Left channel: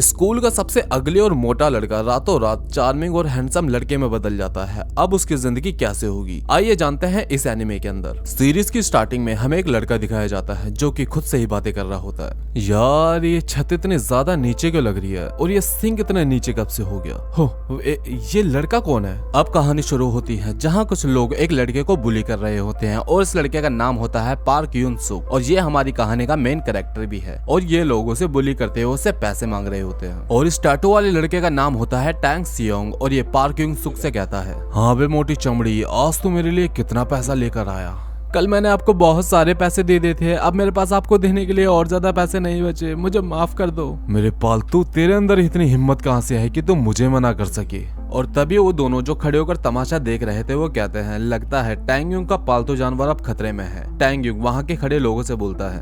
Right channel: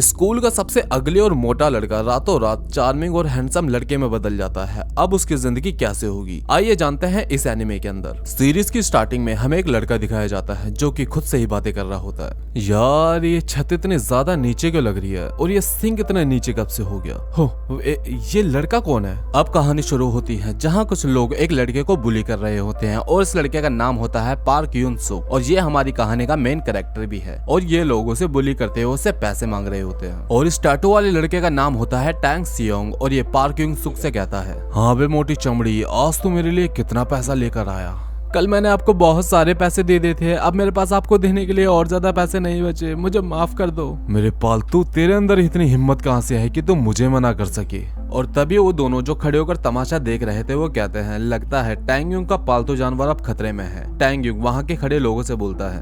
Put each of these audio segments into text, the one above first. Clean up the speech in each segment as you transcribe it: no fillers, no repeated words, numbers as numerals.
School का सबसे अगली और मोटा लड़का रातों रात चार्मिंग और हैंडसम लड़के में बदल जाता है। अब उसकी जिंदगी कैसे होगी, आइए जानते हैं इस एनिमे के अंदर। सीरीज की स्टार्टिंग में हमें एक लड़का दिखाया जाता है जो कि खुद से ही बातें कर रहा होता है। यार ये छत इतनी ज्यादा नीचे क्यों लग रही है और ये सिंक इतने नीचे कब से हो गया हो, ये लड़का कौन है। अब कहानी शुरू होती है जहाँ कुछ लोग एक लड़के को बुली कर रहे होते हैं और इस लड़के का नाम होता है पार्क यून सुक और ये हमारी कहानी का मेन कैरेक्टर भी है। और ये लोग उसे बुली करते हुए उससे पैसे मांग रहे होते हैं। और इस टैटू वाले लड़के का नाम होता है टैंग सियोंग और ये पार्क यून सुक से कहता है, हाँ बे मोटी चमड़ी, आज तू मेरे लिए कितना पैसा लेकर आया। कल मैंने आपको बहुत सारे पैसे दे दिए थे, अब मेरे पास आपको देने के लिए और ज्यादा पैसे नहीं बचे, मुझे माफ कर दो। मेरे पालतू, तेरे अंदर इतनी हिम्मत कहाँ से है कि तुम मुझे मना कर सके। और तभी वो दोनों जो खड़े होकर तमाशा देख रहे थे वो कहते हैं, लगता है टैंग युंग का पालतू जानवर अब खतरे में है। टैंग युंग वहाँ के खड़े लोगों से बोलता है,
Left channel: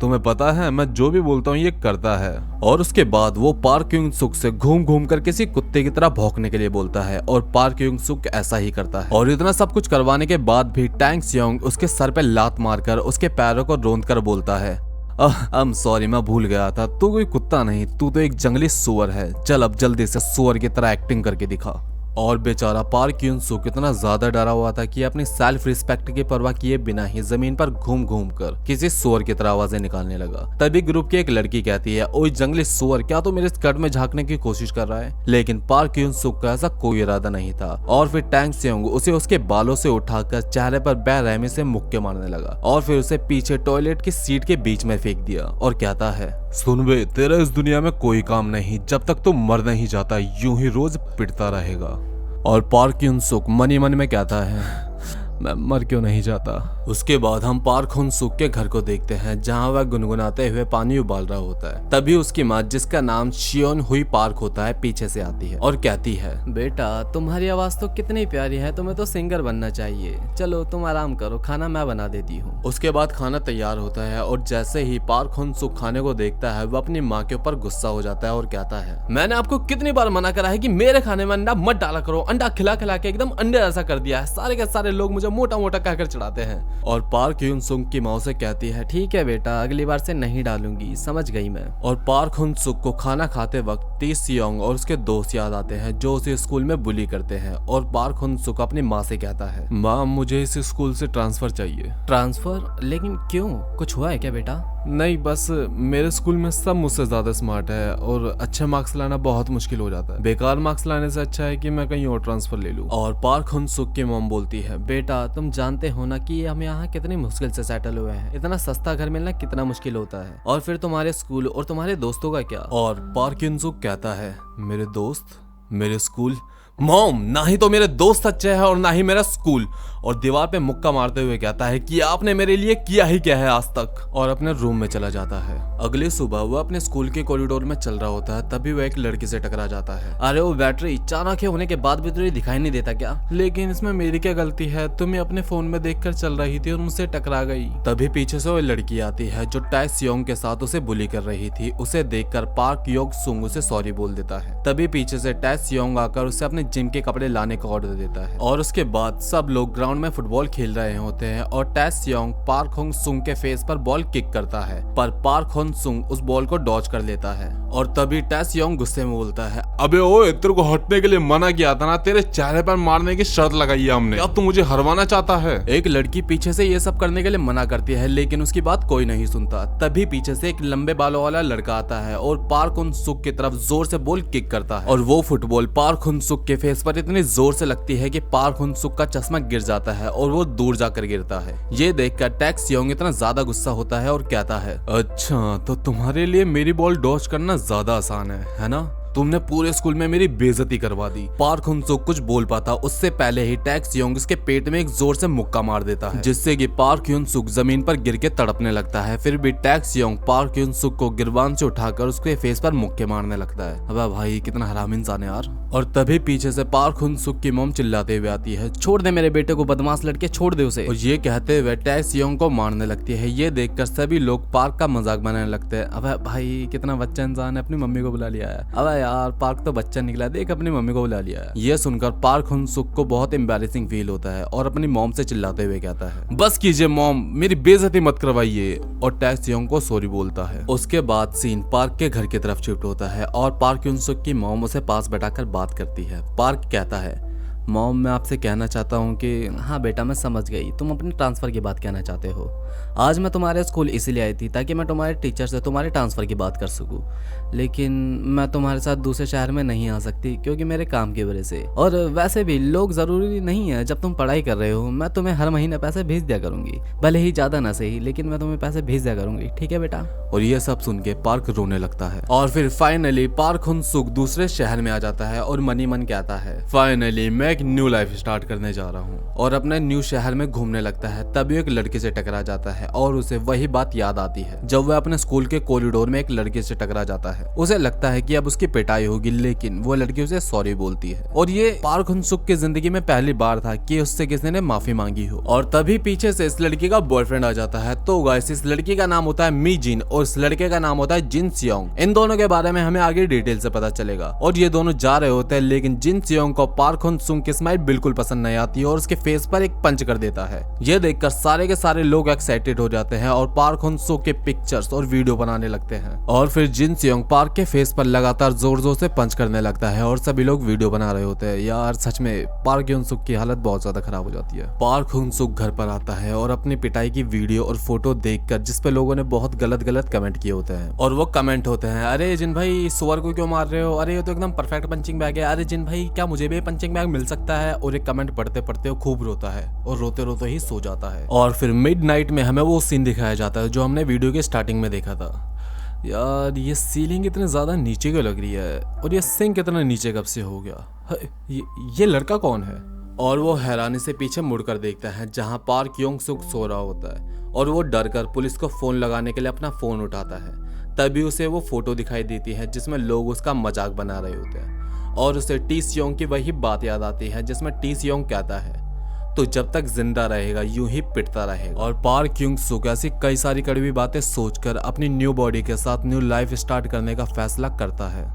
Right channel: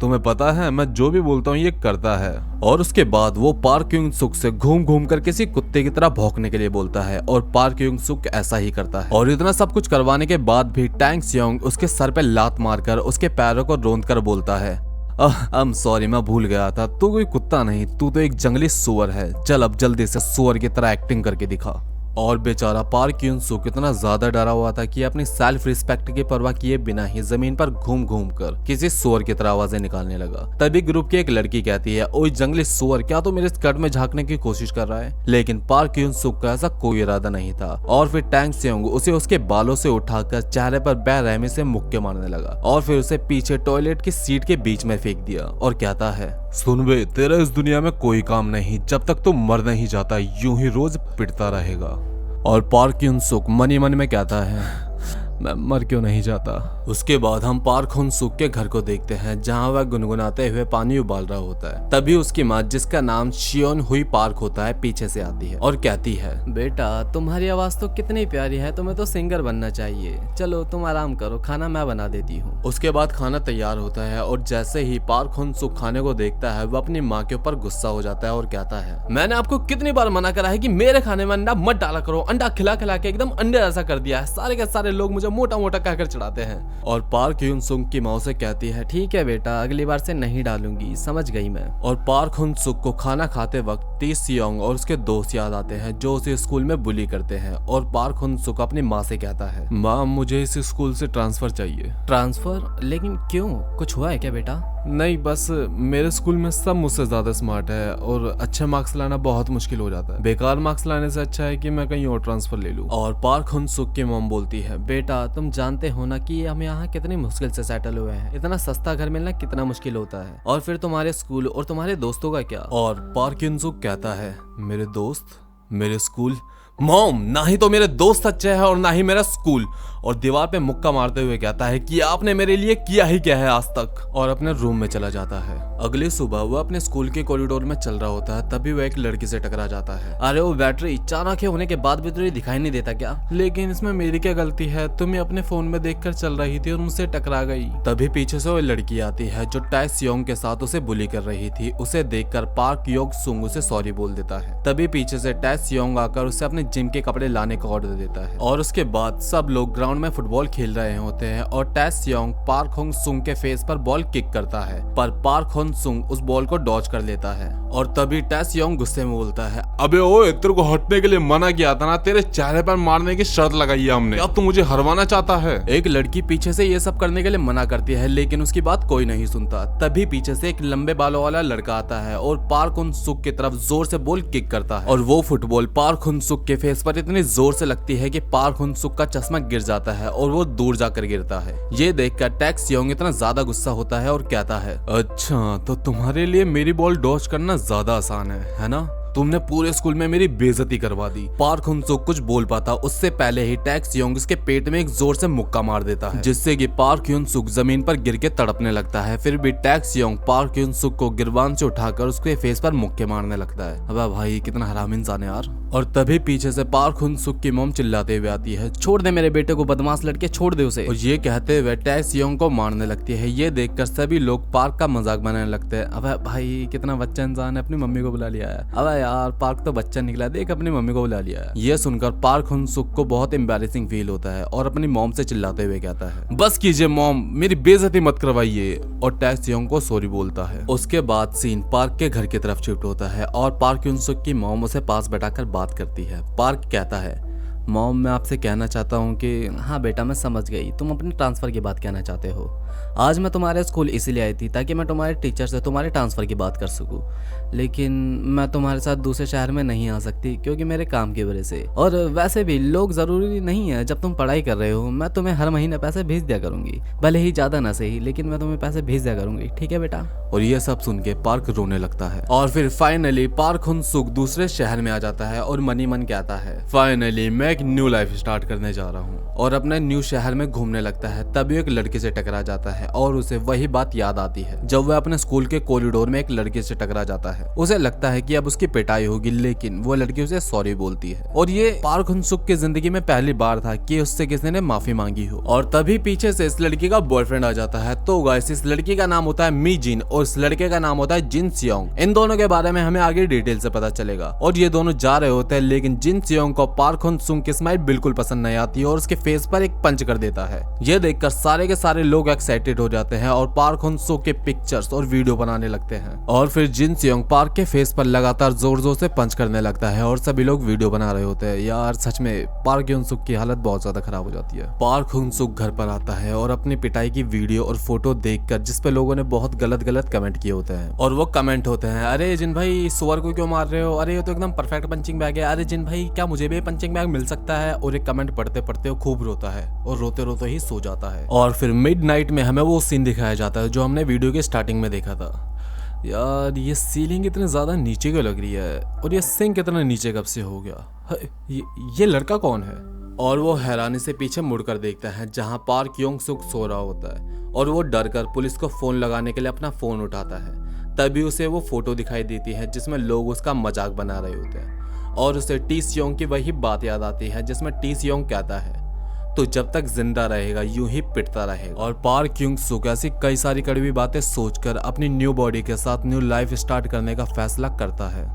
तुम्हें पता है मैं जो भी बोलता हूँ ये करता है। और उसके बाद वो पार्क युंग सुक से घूम घूम कर किसी कुत्ते की तरह भौंकने के लिए बोलता है और पार्क युंग सुक ऐसा ही करता है। और इतना सब कुछ करवाने के बाद भी टैंग सियोंग उसके सर पे लात मारकर उसके पैरों को रोंद कर बोलता है, सॉरी मैं भूल गया था, तू कोई कुत्ता नहीं, तू तो एक जंगली सुअर है, चल अब जल्दी से सुअर की तरह एक्टिंग करके दिखा। और बेचारा पार्क यून सुक इतना ज्यादा डरा हुआ था कि अपनी सेल्फ रिस्पेक्ट की परवाह किए बिना ही जमीन पर घूम घूम कर किसी सुअर की तरह आवाजें निकालने लगा। तभी ग्रुप की एक लड़की कहती है, ओए जंगली सुअर, क्या तू मेरे स्कर्ट में झांकने की कोशिश कर रहा है। लेकिन पार्क यून सुक का ऐसा कोई इरादा नहीं था। और फिर टैंग सियोंग उसे उसके बालों से उठाकर चेहरे पर बेरहमी से मुक्के मारने लगा और फिर उसे पीछे टॉयलेट की सीट के बीच में फेंक दिया और कहता है, सुन बे, तेरा इस दुनिया में कोई काम नहीं, जब तक तू मर नहीं जाता यूं ही रोज पिटता रहेगा। और पार्क यून सुक मन ही मन में कहता है, मैं मर क्यों नहीं जाता। उसके बाद हम पार्क हुन सुक के घर को देखते हैं जहां वह गुनगुनाते हुए पानी उबाल रहा होता है। तभी उसकी माँ, जिसका नाम शियोन हुई पार्क होता है, पीछे से आती है और कहती है, बेटा तुम्हारी आवाज तो कितनी प्यारी है, तुम्हें तो सिंगर बनना चाहिए, चलो तुम आराम करो, खाना मैं बना देती हूँ। उसके बाद खाना तैयार होता है और जैसे ही पार्क हुन सुक खाने को देखता है वह अपनी माँ के ऊपर गुस्सा हो जाता है और कहता है, मैंने आपको कितनी बार मना करा है कि मेरे खाने में अंडा मत डाला करो, अंडा खिला खिला के एकदम अंडे ऐसा कर दिया है, सारे के सारे लोग मुझे मोटा मोटा कहकर चढ़ाते हैं। और पार्क यून सुक की माँ से कहती है, ठीक है बेटा, अगली बार से नहीं डालूंगी, समझ गई मैं। और पार्क हुन सुक को खाना खाते वक्त टी सियोंग और उसके दोस्त याद आते हैं जो उसे स्कूल में बुली करते हैं। और पार्क हुन सुक अपनी माँ से कहता है, माँ मुझे इस स्कूल से ट्रांसफर चाहिए। ट्रांसफर? लेकिन क्यों, कुछ हुआ है क्या बेटा? नहीं, बस मेरे स्कूल में सब मुझसे ज्यादा स्मार्ट है और अच्छे मार्क्स लाना बहुत मुश्किल हो जाता है, बेकार मार्क्स लाने से अच्छा है कि मैं कहीं और ट्रांसफर ले लूं। और पार्क हुन सुक की मॉम बोलती है, बेटा तुम जानते हो ना कि हम यहाँ कितनी मुश्किल से सेटल हुए हैं, इतना सस्ता घर मिलना कितना मुश्किल होता है, और फिर तुम्हारे स्कूल और तुम्हारे दोस्तों का क्या। और पार्क हुन सुक कहता है, मेरे दोस्त, मेरे स्कूल, मॉम ना ही तो मेरे दोस्त अच्छे हैं और ना ही मेरा स्कूल। और दीवार पे मुक्का मारते हुए कहता है कि आपने मेरे लिए किया ही क्या है आज तक, और अपने रूम में चला जाता है। अगली सुबह वो अपने स्कूल के कॉरिडोर में चल रहा होता है, तभी वो एक लड़की से टकरा जाता है। अरे वो बैटरी चाणक्य होने के बाद भी तुझे दिखाई नहीं देता क्या? लेकिन इसमें मेरी क्या गलती है, तुम्हें अपने फोन में देखकर चल रही थी और मुझसे टकरा गई। तभी पीछे से वो लड़की आती है जो टाई सियोंग के साथ उसे बुली कर रही थी। उसे देखकर पार्क योग सुंग उसे सॉरी बोल देता है। तभी पीछे से टाई सियोंग आकर उसे अपने जिम के कपड़े लाने का ऑर्डर देता है। और उसके बाद सब लोग ग्राउंड में फुटबॉल खेल रहे होते हैं और टाई सियोंग पार्क हुन सुक के फेस पर बॉल किक करता है, पर पार्क हुन सुक उस बॉल को डॉज कर लेता है। और तभी टाई सियोंग गुस्से में बोलता है, अबे ओए, तेरे को हटने के लिए मना किया था ना, तेरे चेहरे पर मारने की शर्त लगाई है हमने, अब तू मुझे हरवाना चाहता है। एक लड़की पीछे से ये सब करने के लिए मना करती है लेकिन उसकी बात कोई नहीं सुनता। तभी पीछे से एक लंबे बालों वाला लड़का आता है और पार्क हुन सुक की तरफ जोर से बॉल किक करता है और वो फुटबॉल पार्क हुन सुक के फेस पर इतनी जोर से लगती है कि पार्क हुन सुक का चश्मा गिर जाता है और वो दूर जाकर गिरता है। ये देखकर टैक सियोंग इतना ज्यादा गुस्सा होता है और कहता है, अच्छा तो तुम्हारे लिए मेरी बॉल डॉज करना ज्यादा आसान है ना? तुमने पूरे स्कूल में मेरी बेइज्जती करवा दी। पार्क हुन सुक कुछ बोल पाता उससे पहले ही टैक सियोंग उसके पेट में एक जोर से मुक्का मार देता है, जिससे कि पार्क हुन सुक जमीन पर गिर के तड़पने लगता है। फिर भी टैक सियोंग पार्क हुन सुक को गिरबान से उठाकर उसके फेस पर मुक्के मारने लगता है। अबे भाई कितना हराम इंसान है यार। और तभी पीछे से पार्क हुन सुक की मॉम चिल्लाते हुए आती है, छोड़ दे मेरे बेटे को, बदमाश लड़के, छोड़ दे उसे। और ये कहते हुए टैक सियोंग को मारने लगती है। ये देखकर सभी लोग पार्क का मजाक बनाने लगते हैं। अबे भाई कितना बच्चा इंसान है, अपनी मम्मी को बुला लिया है। अबे यार पार्क तो बच्चा निकला, देख अपनी मम्मी को बुला लिया है। ये सुनकर पार्क हुन सुक को बहुत एम्बैरेसिंग फील होता है और अपनी मॉम से चिल्लाते हुए कहता है, बस कीजिए मॉम, मेरी बेइज्जती मत करवाइए, और टैक्स योंग को सॉरी बोलता है। उसके बाद सीन पार्क के घर की तरफ शिफ्ट होता है और पार्क हुन सुक की मॉम उसे पास बैठाकर बात करती है। पार्क कहता है, मॉम मैं आपसे कहना चाहता हूँ कि हाँ बेटा मैं समझ गई, तुम अपने ट्रांसफ़र की बात कहना चाहते हो। आज मैं तुम्हारे स्कूल इसीलिए आई थी ताकि मैं तुम्हारे टीचर से तुम्हारे ट्रांसफ़र की बात कर सकूँ, लेकिन मैं तुम्हारे साथ दूसरे शहर में नहीं आ सकती क्योंकि मेरे काम की वजह से। और वैसे भी लोग ज़रूरी नहीं है, जब तुम पढ़ाई कर रहे हो मैं तुम्हें हर महीने पैसे भेज दिया करूँगी, भले ही ज़्यादा ना सही, लेकिन मैं तुम्हें पैसे भेज दिया करूँगी, ठीक है बेटा। और ये सब सुन के पार्क रोने लगता है। और फिर फाइनली पार्क हुन सुक दूसरे शहर में आ जाता है और मनी मन कहता है, फाइनली मैं एक न्यू लाइफ स्टार्ट करने जा रहा हूँ, और अपने न्यू शहर में घूमने लगता है। तभी एक लड़के से टकरा जाता है और उसे वही बात याद आती है जब वह अपने स्कूल के कॉरिडोर में एक लड़के से टकरा जाता है। उसे लगता है कि अब उसकी पिटाई होगी, लेकिन वो लड़की उसे सॉरी बोलती है। और ये पार्क हुन सुक की जिंदगी में पहली बार था कि उससे किसी ने माफी मांगी हो। और तभी पीछे से इस लड़की का बॉयफ्रेंड आ जाता है। तो गाइस इस लड़की का नाम होता है मी जिन और इस लड़के का नाम होता है जिन सियोंग। इन दोनों के बारे में हमें आगे डिटेल से पता चलेगा। और ये दोनों जा रहे होते हैं, लेकिन जिन सियोंग को पार्क हुन सुक की स्माइल बिल्कुल पसंद नहीं आती और उसके फेस पर एक पंच कर देता है। ये देखकर सारे के सारे लोग एक्साइटेड हो जाते हैं और पार्क हुन सुक के पिक्चर्स और वीडियो बनाने लगते हैं। और फिर जिन सियोंग पार्क के फेस पर लगातार जोर जोर से पंच करने लगता है और सभी लोग वीडियो बना रहे होते हैं। यार सच में पार्क हुन सुक की हालत बहुत ज्यादा खराब हो जाती है। पार्क हुन सुक घर पर आता है और अपनी पिटाई की वीडियो और फोटो देखकर जिसपे लोगों ने बहुत गलत कमेंट किए होते हैं, और वो कमेंट होते हैं, अरे जिन भाई सुअर को क्यों मार रहे हो, अरे ये तो एकदम परफेक्ट पंचिंग बैग है, अरे जिन भाई क्या मुझे भी पंचिंग बैग मिल सकता है। और एक कमेंट पढ़ते पढ़ते वो खूब रोता है और रोते रोते ही सो जाता है। और फिर मिडनाइट में हमें वो सीन दिखाया जाता है जो हमने वीडियो के स्टार्टिंग में देखा था। यार ये सीलिंग इतनी ज्यादा नीचे क्यों लग रही है, और ये सिंक इतना नीचे कब से हो गया, ये लड़का कौन है। और वो हैरानी से पीछे मुड़कर देखता है जहां पार्क योंग सुक सो रहा होता है, और वो डर कर पुलिस को फोन लगाने के लिए अपना फोन उठाता है। तभी उसे वो फोटो दिखाई देती है जिसमें लोग उसका मजाक बना रहे होते हैं, और उसे टी सियोंग की वही बात याद आती है जिसमें टी सियोंग कहता है, तो जब तक जिंदा रहेगा यूं ही पिटता रहेगा। और पार्क युंग सुक ऐसी कई सारी कड़वी बातें सोचकर अपनी न्यू बॉडी के साथ न्यू लाइफ स्टार्ट करने का फैसला करता है।